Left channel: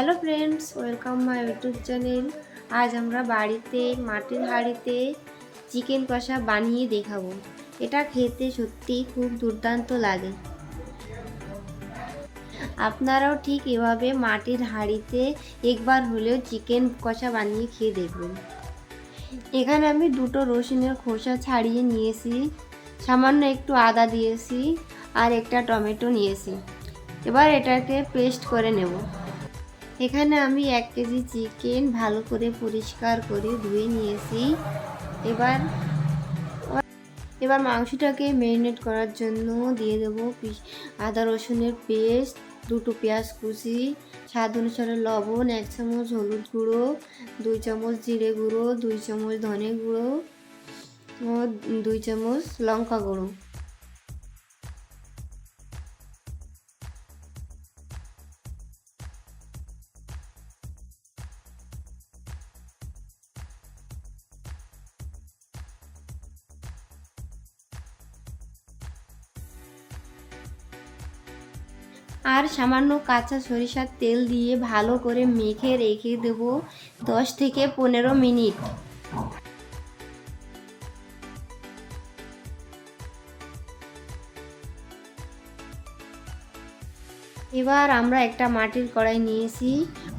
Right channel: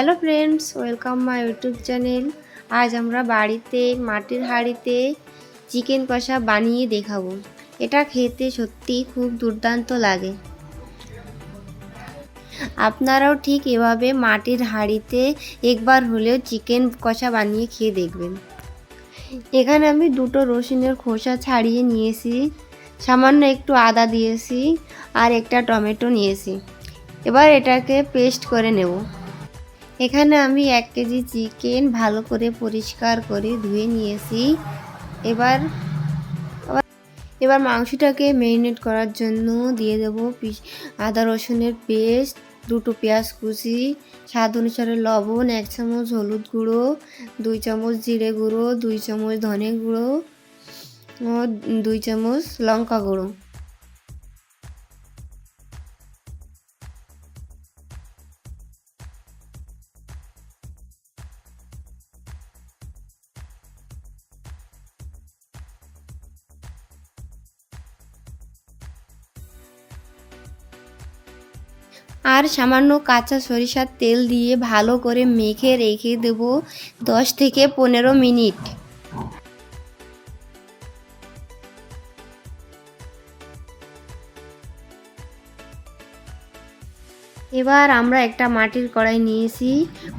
Hello friends, welcome my YouTube channel. আজ আমরা বাড়িতে মাটির হাঁড়িতে চিকেন কষা বানিয়ে দেখাবো। এটা খেতে সত্যি খুব দুর্দান্ত লাগে। আপনারাও ঠিক এভাবে মাটির হাঁড়িতে একবার হলেও চিকেন কষা বানিয়ে খেয়ে দেখবেন। এখানে আমি দুটো রসুনের খোসা ছাড়িয়ে নিয়েছি, সামান্য একটু আদা দিয়েছি আর একটা টমেটো নিয়েছি। এবার এটাকে পেস্ট করে নেব। এখানে আমি 1 কেজি চিকেন ভালো করে পরিষ্কার করে ধুয়ে নিয়েছি। এবার মাংসটাকে ম্যারিনেট করার জন্য দিয়ে দেব আদা রসুনের পেস্ট, দুটো পেঁয়াজ কুচি, স্বাদ অনুসারে লবণ, 1 চামচ হলুদ গুঁড়ো, 2 চামচ জিরে গুঁড়ো, 2 চামচ ধনে গুঁড়ো ও 2 চামচ লঙ্কা গুঁড়ো। আর সামান্য কাঁচা সরিষার তেল দিয়ে ভালো করে মেখে রেখে দেব 10 থেকে 15 মিনিট। এবার আমরা একটা মাটির কড়াই নিয়েছি,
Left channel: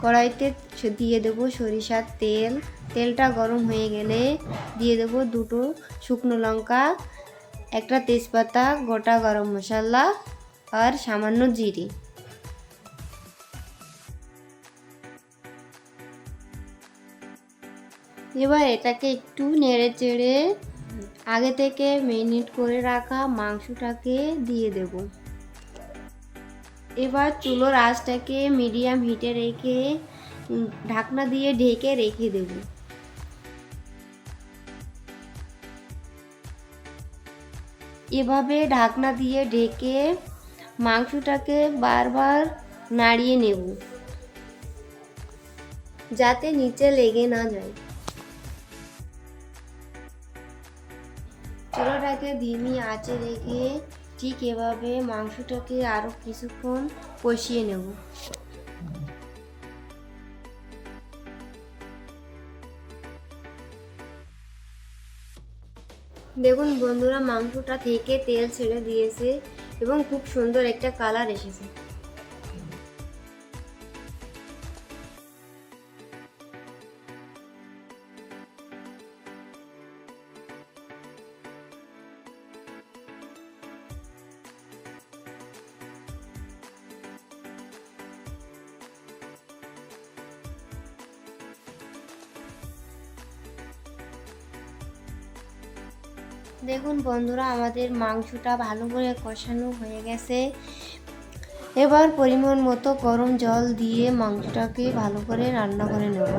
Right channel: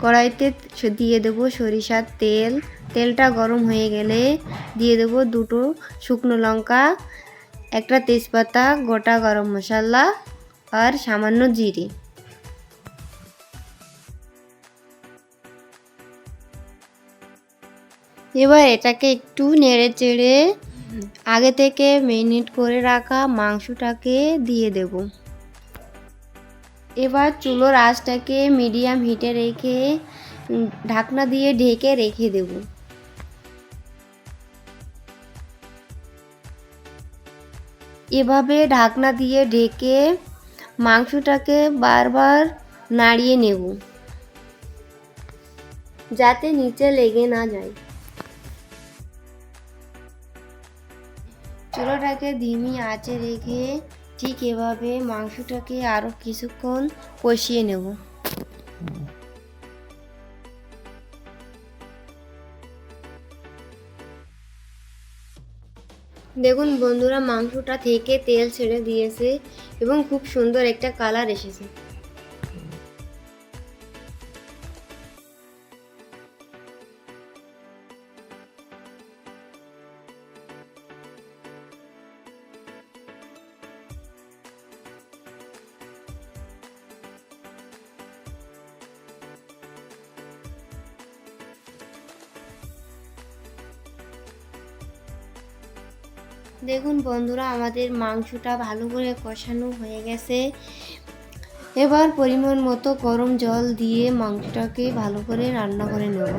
কড়াইতে দিয়ে দেব সরিষার তেল। তেলটা গরম হয়ে গেলে দিয়ে দেব দুটো শুকনো লঙ্কা, একটা তেজপাতা, গোটা গরম মশলা আর সামান্য জিরে। এবার এটাকে একটু নেড়ে চেড়ে আগে থেকে ম্যারিনেট করে রাখা মাংসটাকে দিয়ে দেব। এবার চুলোর আঁচটাকে মিডিয়াম হিটে রেখে ঢাকনা দিয়ে ঢেকে রেখে দেব। এভাবে ঢাকনা দিয়ে ঢেকে মাংসটাকে বারবার নাড়িয়ে নেব যাতে নিচে লেগে না যায়। চুলাটাকে ধিমি আঁচে রেখে ঠিক এভাবে মাংসটাকে আরও কিছুক্ষণ কষিয়ে নেব। দেখুন বন্ধুরা, মাংসটা থেকে তেল ছেড়ে দিয়েছে এবং খুব সুন্দর একটা কালার এসেছে। দেখুন বন্ধুরা, আমাদের মাংসটা ভালো করে কষানো হয়ে গেছে। এবার পরিমাণ মতো গরম জল দিয়ে মাংসটাকে ভালো করে রান্না করে নেব।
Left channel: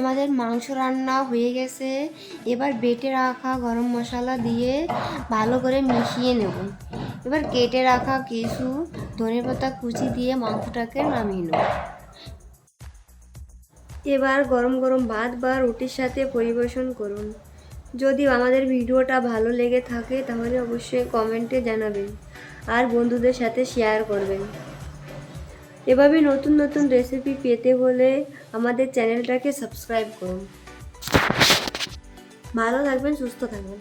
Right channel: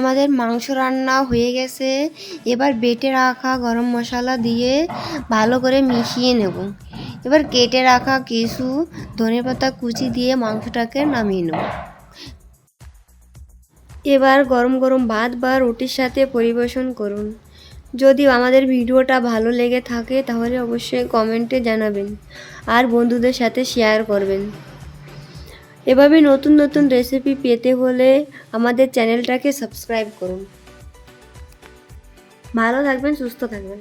আমাদের মাংস রান্না হয়ে গেছে। এবার বেটে রাখা গরম মশলা দিয়ে ভালো করে মিশিয়ে নেব। এবার কেটে রাখা কিছু ধনেপাতা কুচি দিয়ে মাংসটাকে নামিয়ে নেব। এবার গরম গরম ভাত বা রুটির সাথে পরিবেশন করুন। যদি আমাদের ভিডিওটা ভালো লেগে থাকে তাহলে অবশ্যই কমেন্টে জানাবেন আর বন্ধুদের সাথে শেয়ার করবেন। এভাবে নতুন নতুন রেসিপি পেতে হলে আমাদের চ্যানেলটাকে সাবস্ক্রাইব করুন। ভালো থাকবেন, সুস্থ থাকবেন।